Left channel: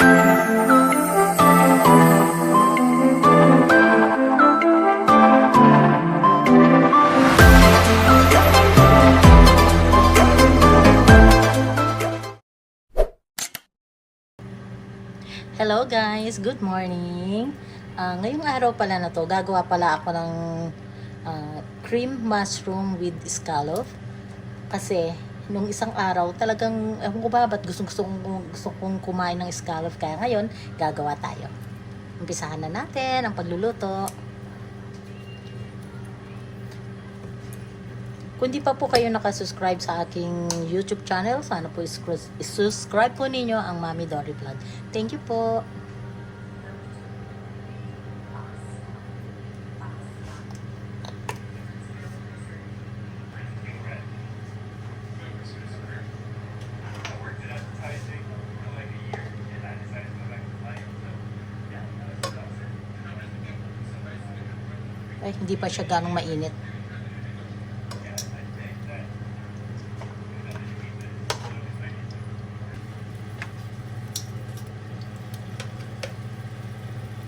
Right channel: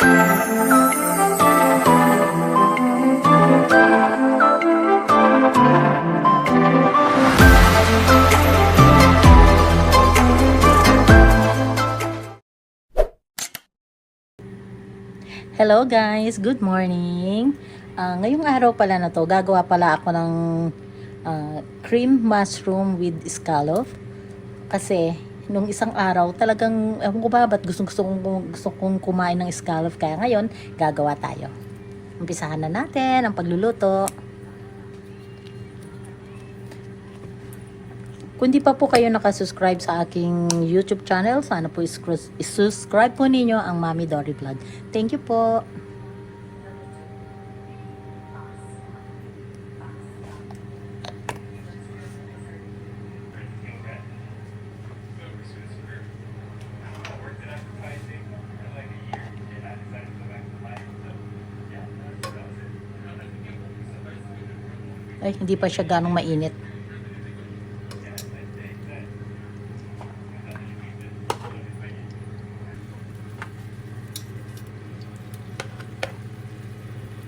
Hello guys, good morning. Ngayong araw pala na to, gagawa pala ako ng cream mushroom with scallop. Kasi nung isang araw talagang ewan ko ba ba't gusto kong kumain ng scallop, kaya ngayon gagawa tayo. Umpisahan na natin ang pagluluto. Kung di pa po kayo nakasubscribe sa aking YouTube channel, sana po isubscribe po ninyo ang Mami Dory Vlog. Thank you po. Ay, hindi pa siya ganong mainit.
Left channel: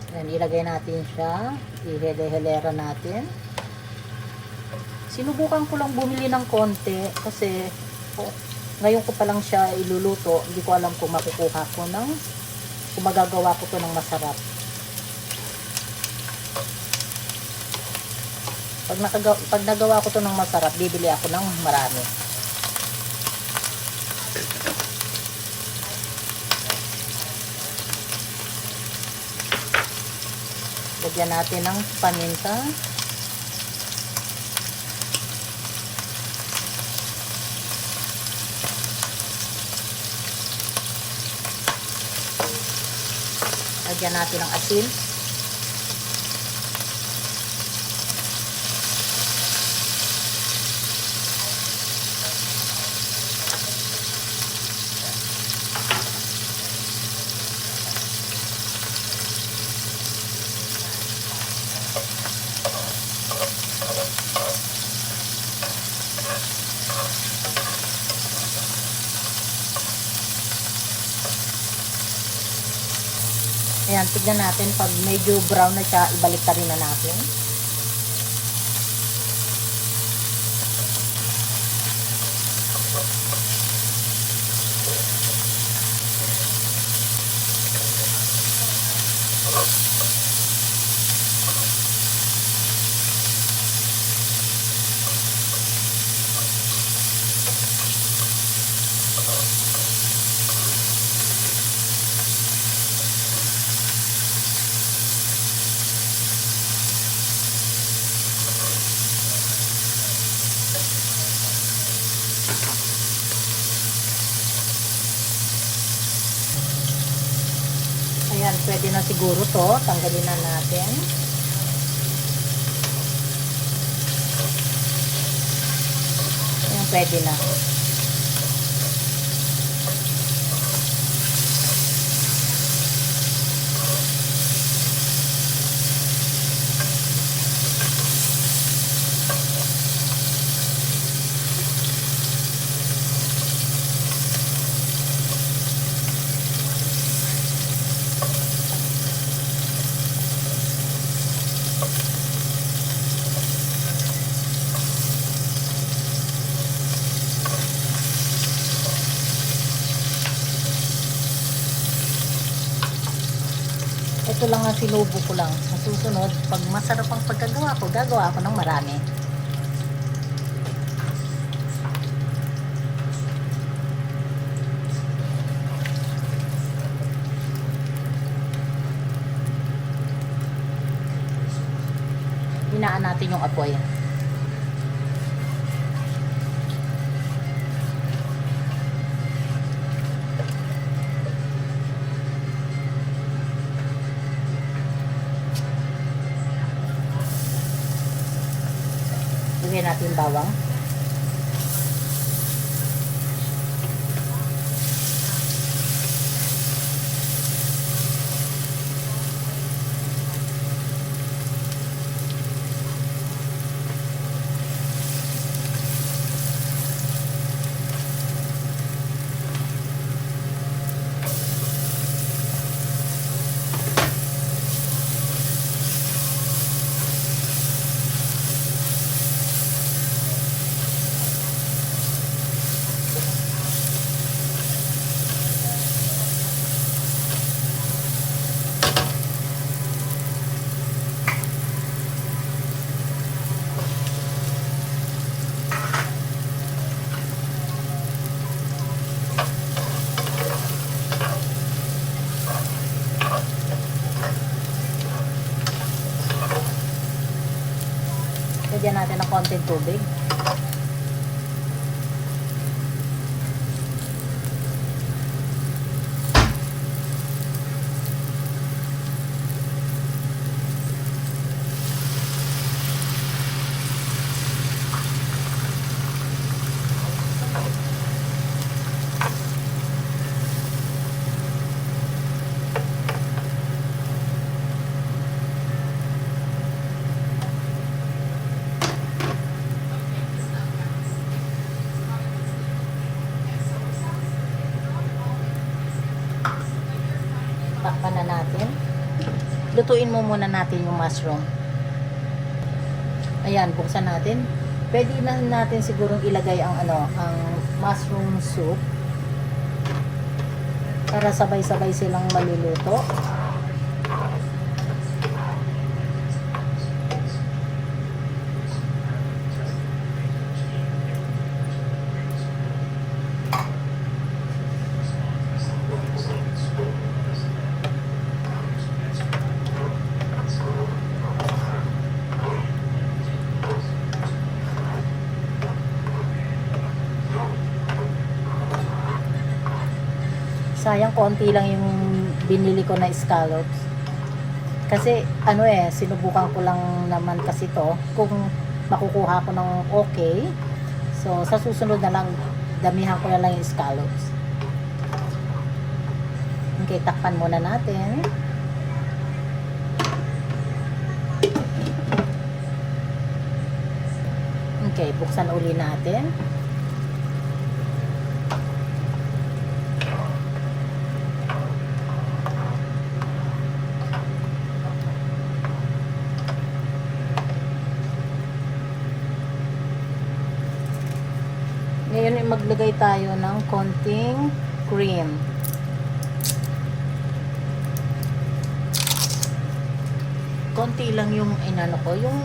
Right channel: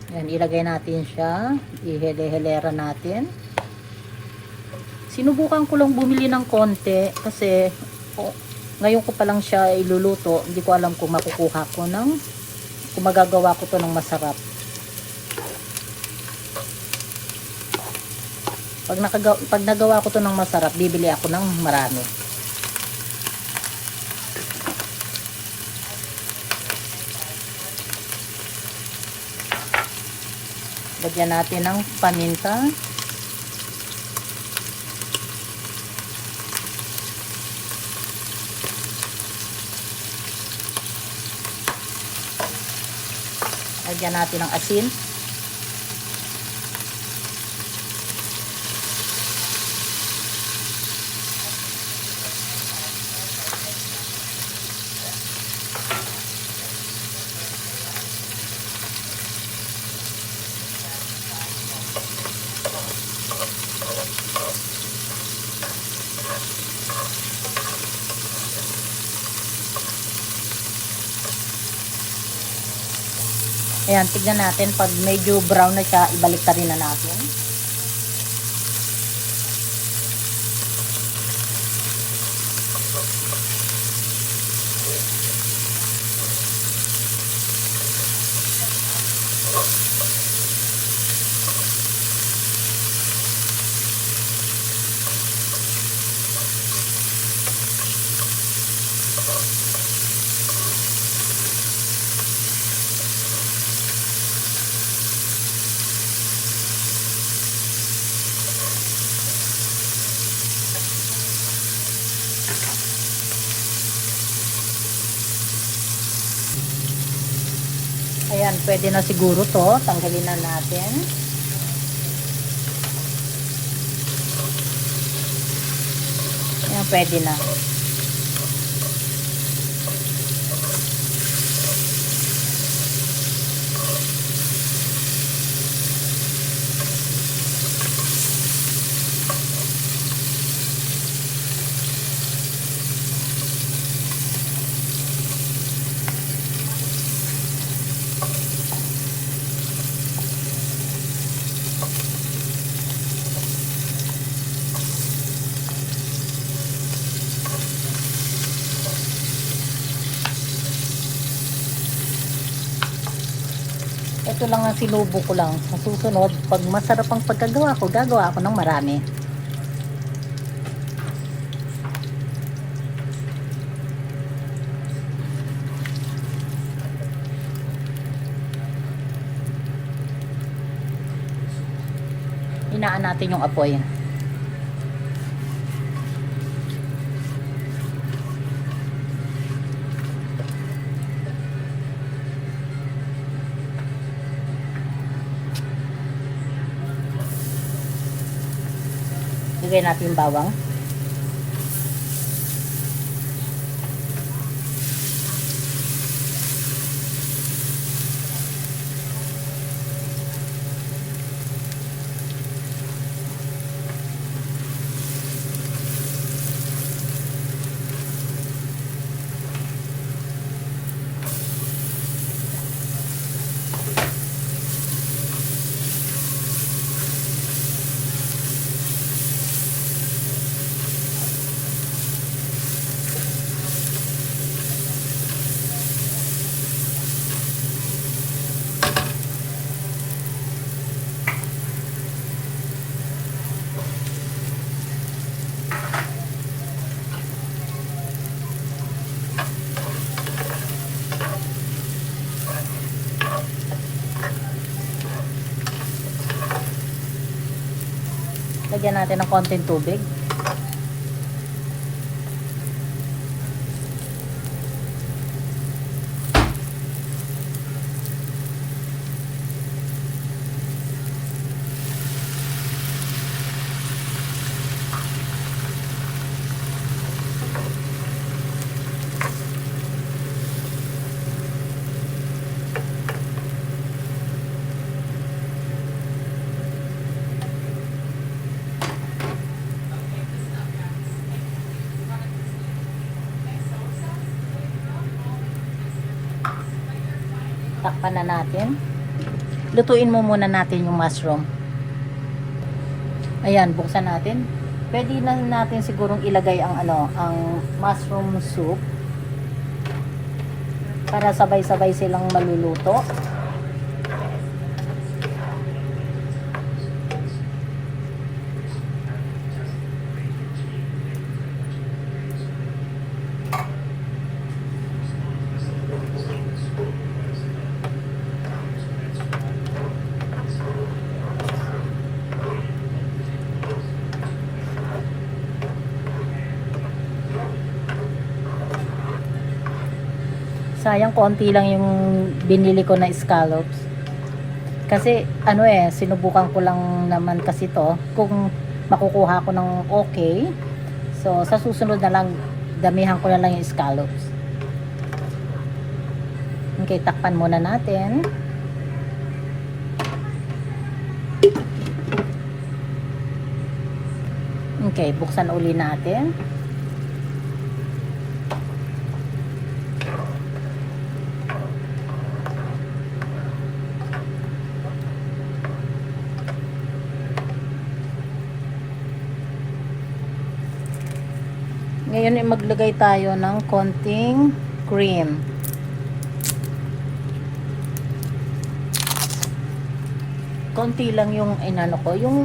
Ayan, ilagay natin siya. Ihele-helera natin. Sinubukan ko lang bumili ng konti kasi ngayon ko pa lang siya iluluto. Hindi ko alam kung makukuha ko kung magagawa ko to ng masarap. Pag nagawa ko to ng masarap, bibili ako ng marami. Lagyan natin ng paminta. Lagyan natin ng asin. Ayan, tignan natin pag medyo brown na siya, ibalik ka rin na natin. Ayan, pwede na siguro to. Tanggalin na natin. Ayan, pwede na. Ito lang ang sinubo ko lang. Masusunod, pag masarap ang pagkagawa ko, gagawa ako ng marami. Hinaan natin yung apoy. Ilagay natin bawang. konting tubig. Takpan na natin. Lutuin mo muna natin yung mushroom. Ayan, buksan natin. Pwede na natin sigurong ilagay ang ang mushroom soup para sabay-sabay silang maluluto. Sayang, konti lang yung binili ko na scallops. Kasi sinubukan ko lang naman kasi to kung makukuha ko ng okay. So sa susunod na lang damihan ko na lang yung scallops. Okay, takpan muna natin. Okay, buksan uli natin. Ngayon ay maglagay tayo ng konting cream. Konti lang yung yung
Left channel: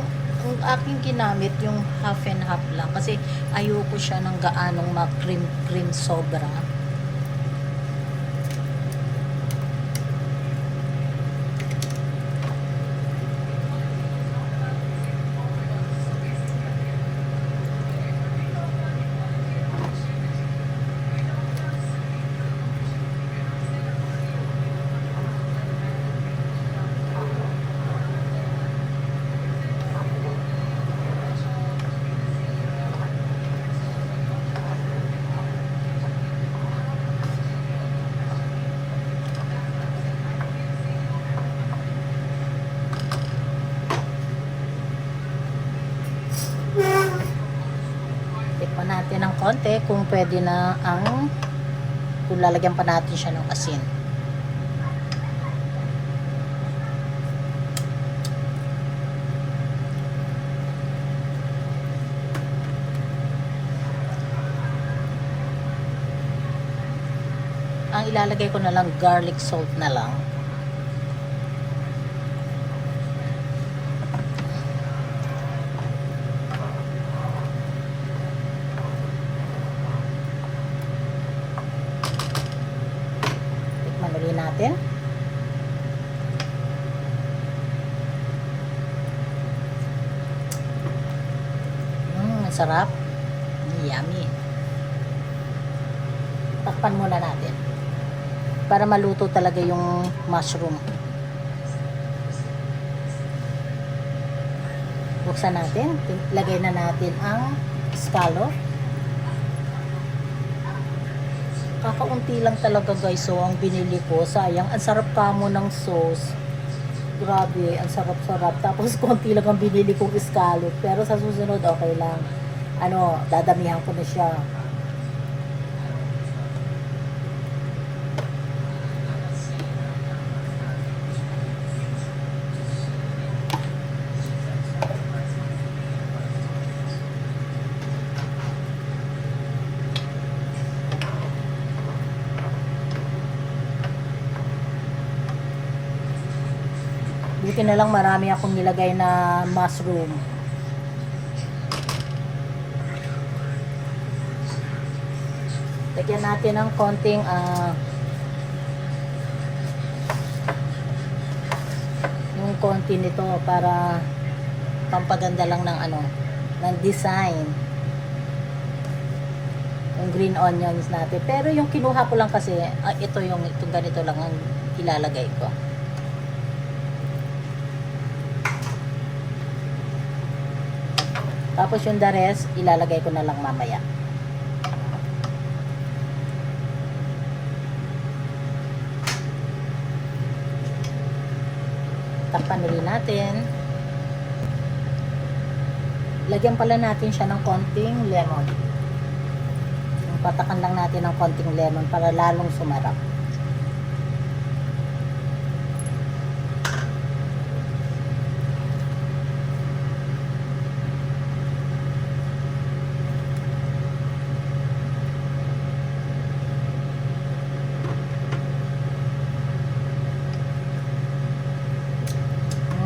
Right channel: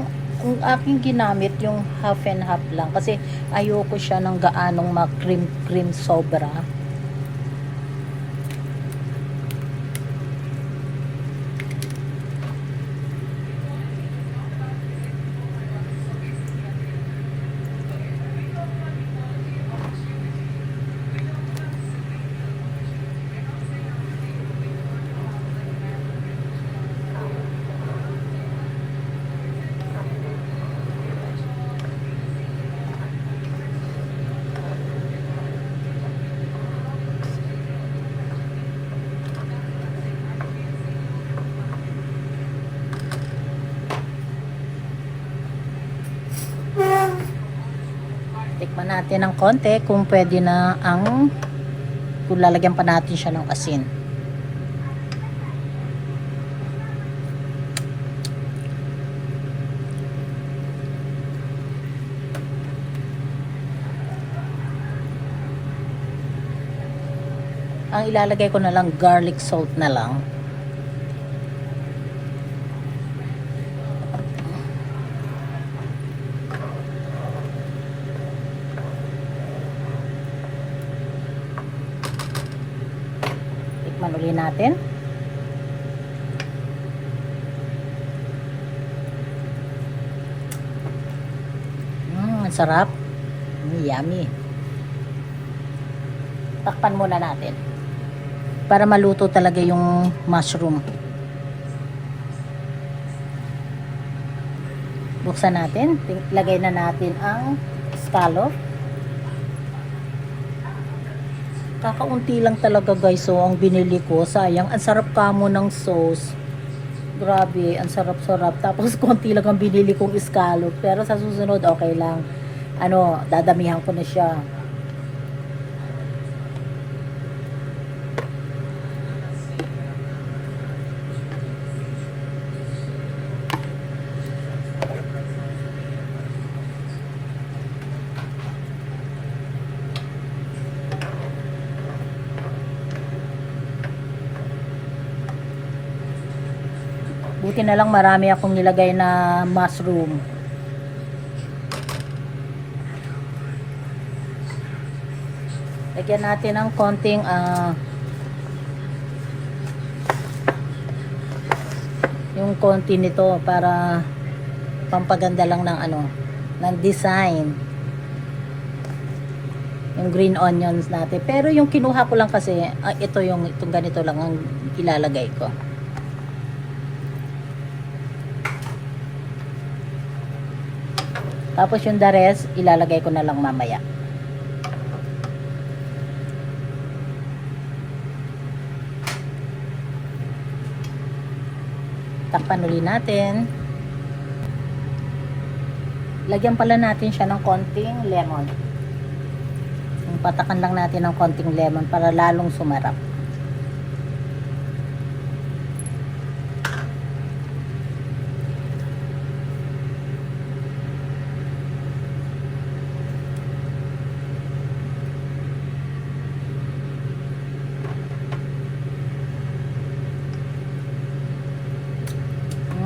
aking ginamit, yung half and half lang kasi ayoko siya ng gaanong ma-cream sobra. Tikman natin ng konti kung pwede na kung lalagyan pa natin siya ng asin. Ang ilalagay ko na lang garlic salt na lang. Tikman ulit natin. Ang sarap. Yummy. Takpan muna natin para maluto talaga yung mushroom. Buksan natin. Lagay na natin ang scallop. Kakaunti lang talaga guys. So ang binili ko, sayang, ang sarap pa mo ng sauce. Grabe, ang sarap-sarap. Tapos konti lang ang binili kong scallop. Pero sa susunod okay lang. Dadamihan ko na siya. Buti na lang marami akong nilagay na mushroom. Lagyan natin ng konting yung konti nito para pampaganda lang ng ng design. Yung green onions natin. Pero yung kinuha ko lang kasi, ito ganito lang ang ilalagay ko. Tapos yung the rest, ilalagay ko na lang mamaya. Takpan ulit natin. Lagyan pala natin siya ng konting lemon. Patakan lang natin ng konting lemon para lalong sumarap.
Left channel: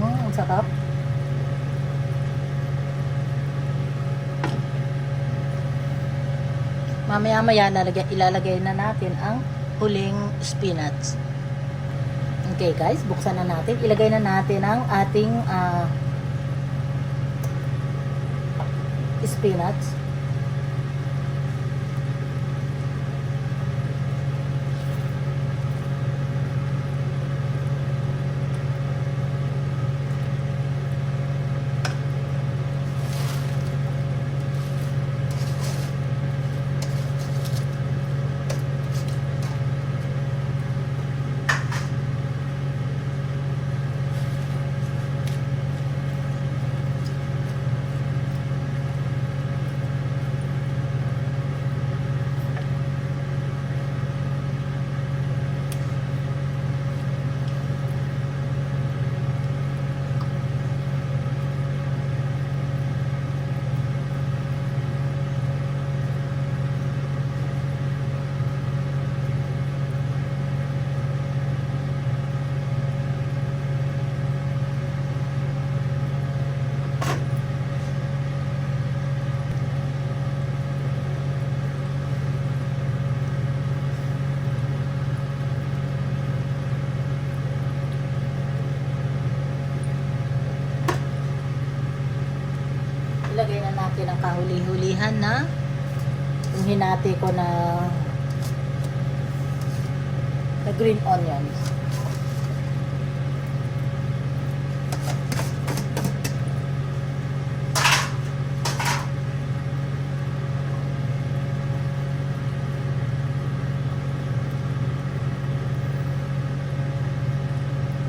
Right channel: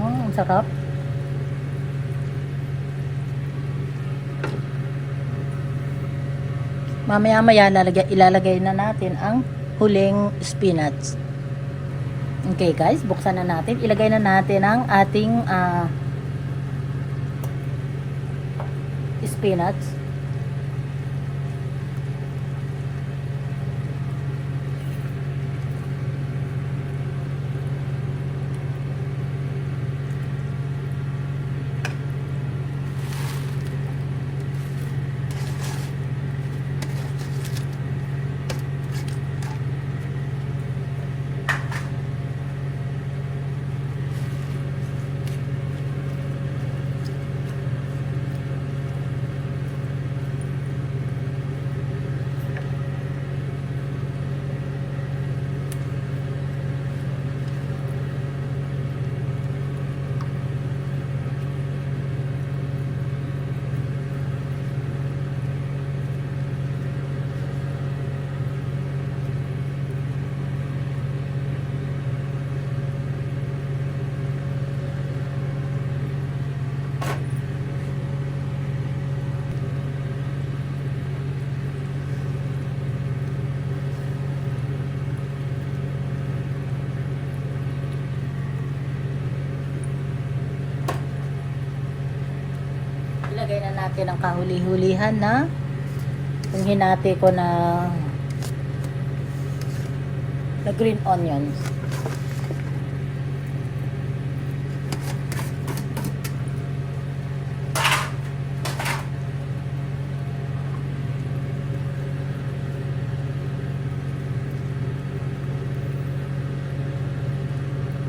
Ang sarap. Mamaya-maya ilalagay na natin ang huling spinach. Okay guys, buksan na natin. Ilagay na natin ang ating spinach. Ilagay na natin ang panghuli-hulihan na yung hinati ko na green onions.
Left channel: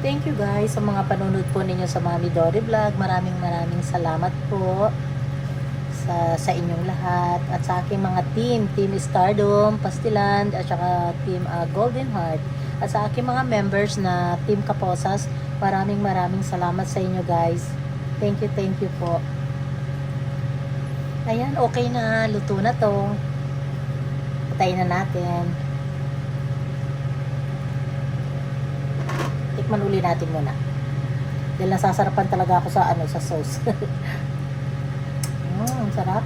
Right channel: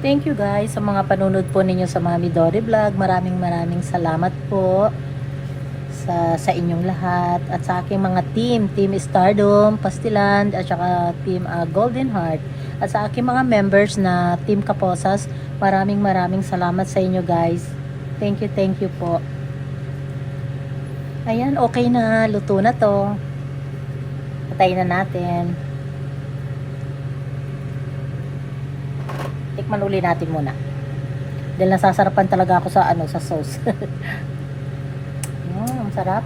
Thank you guys sa mga panunod po ninyo sa mga Midori Vlog. Maraming salamat po sa inyong lahat at sa aking mga Team Stardom, Pastilan at saka Team Golden Heart at sa aking mga members na Team Kaposas. Maraming salamat sa inyo guys. Thank you po. Ayan, okay na. Luto na to. Patayin na natin. Tikman uli natin muna. Dahil nasasarapan talaga ako sa sauce. Ang sarap.